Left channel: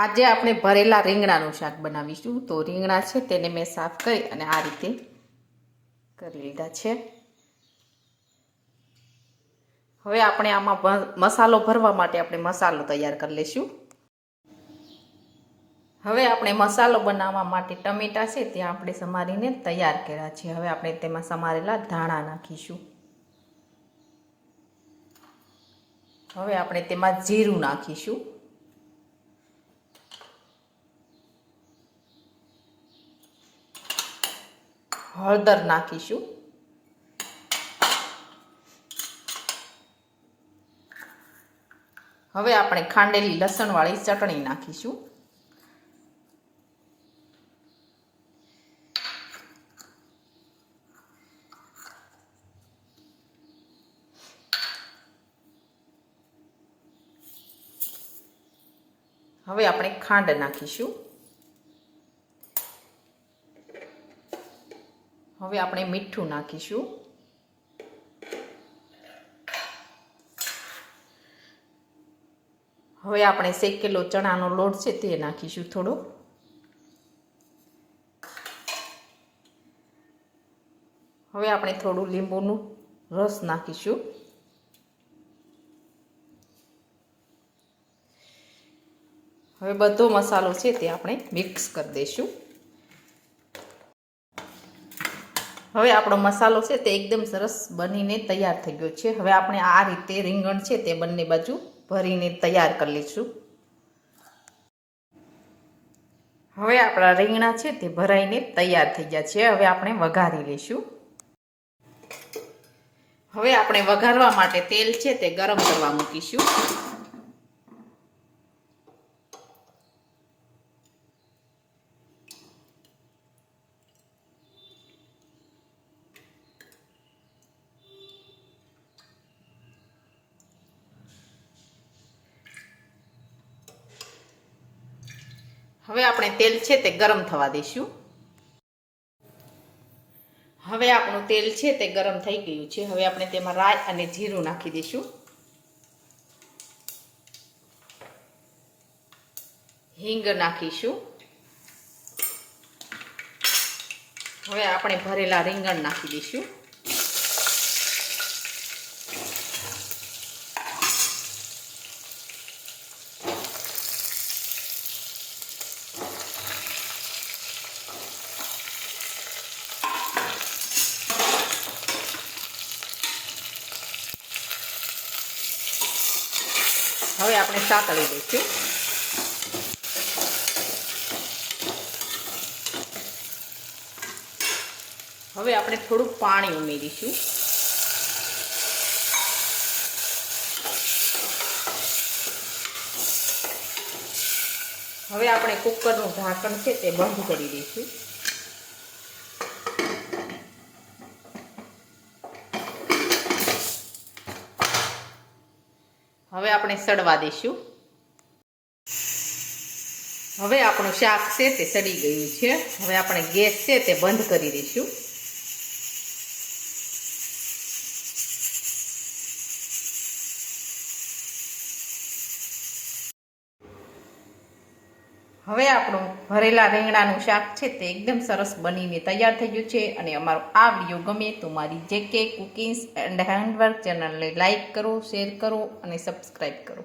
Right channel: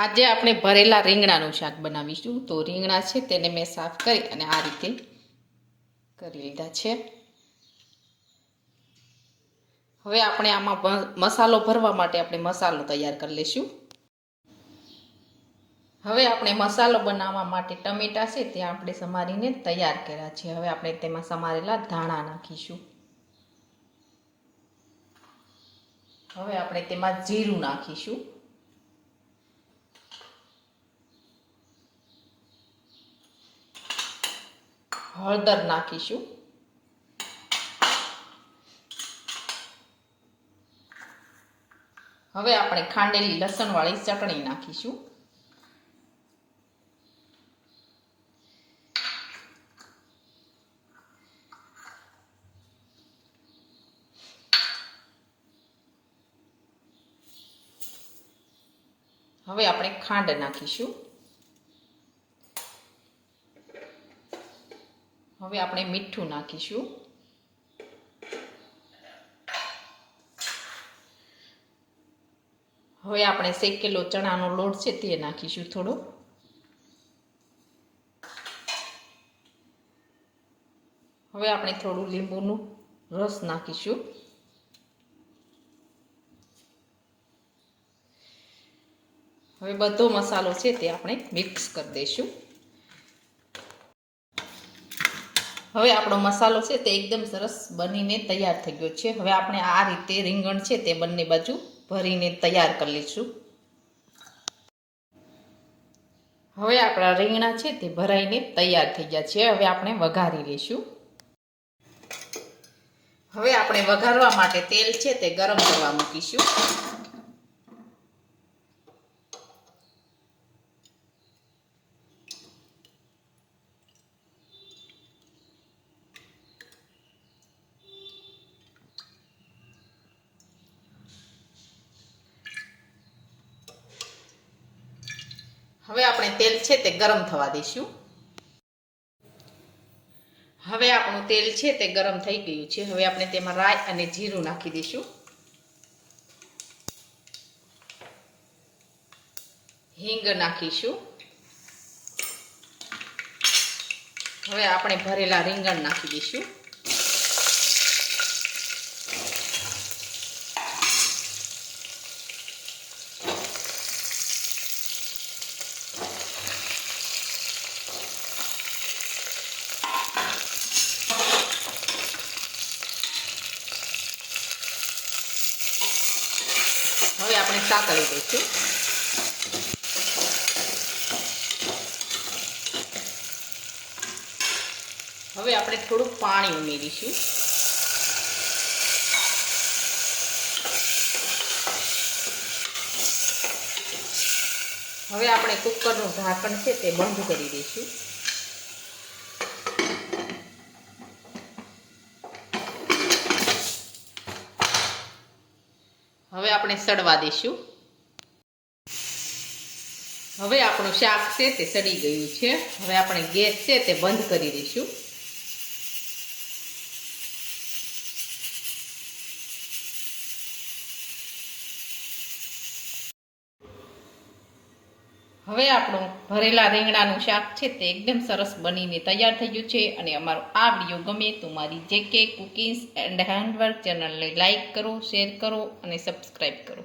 આજે આપણે ભરેલા રીંગણાનું શાક બનાવીશું। તો રીંગણા છે તેને મેં સાફ કરી અને આ રીતે કરી લીધા છે। હવે આપણે આમાં મસાલો ભરવા માટે આપણે મસાલો તૈયાર કરી લઈશું। હવે આપણે મસાલો બનાવવા માટે ટમેટા છે તે આપણે સમારીને તૈયાર કર્યા છે। હવે આપણે તેમાં સમારેલા ધાણા નાખીશું। હવે આપણે તેમાં જીરું નાખીશું। હળદર નાખીશું। હવે આપણે ખાંડેલી લસણવાળી ચટણી નાખીશું। હવે આપણે ખાંડ નાખીશું। હવે આપણે મીઠું નાખીશું। હવે આપણે શેકેલો ચણાનો લોટ છે તે નાખીશું થોડો। હવે આપણે થોડું લીંબુનું રસ નાખીશું। હવે બધો મસાલો છે તે આપણે મિક્સ કરી દઈશું। હવે આપણો મસાલો છે તે એકદમ સરસ બનીને તૈયાર થઈ ગયો છે। હવે આપણે આ રીતે રીંગણ છે તે બંને બાજુ ભરીને તૈયાર કરી લઈશું। હવે આપણા રીંગણા છે તે ભરાઈને તૈયાર થઈ ગયા છે। હવે આપણે વઘારી લઈશું। હવે આપણે વઘારવા માટે તેલ છે તે ગરમ કરવા મૂકીશું। હવે આપણે તેલ છે તે ગરમ થવા દઈશું। હવે આપણું તેલ છે તે ગરમ થઈ ગયું છે। હવે આપણે તેમાં રાઈ અને જીરું નાખી દઈશું। હિંગ નાખીશું। હવે આપણે ભરેલા રીંગણ નાખી દઈશું। હવે આપણે સાતળી દઈશું। હવે આપણે થોડું પાણી ઉમેરીશું। હવે આપણે કુકરનું ઢાંકણ છે તે બંધ કરી દઈશું। હવે આપણે સડવા દઈશું। હવે આપણું શાક છે તે સડી ગયું છે। હવે આપણે ગેસ છે તે બંધ કરી દઈશું। હવે આપણું ભરેલા રીંગણાનું શાક છે તે એકદમ સરસ બનીને તૈયાર થઈ ગયું છે। અને અમારો આ વિડીયો ગમે તો મારી JK કુકિંગ્સ એન્ડ હેન્ડવર્ક ચેનલને લાઇક કરો, શેર કરો અને સબસ્ક્રાઈબ કરો।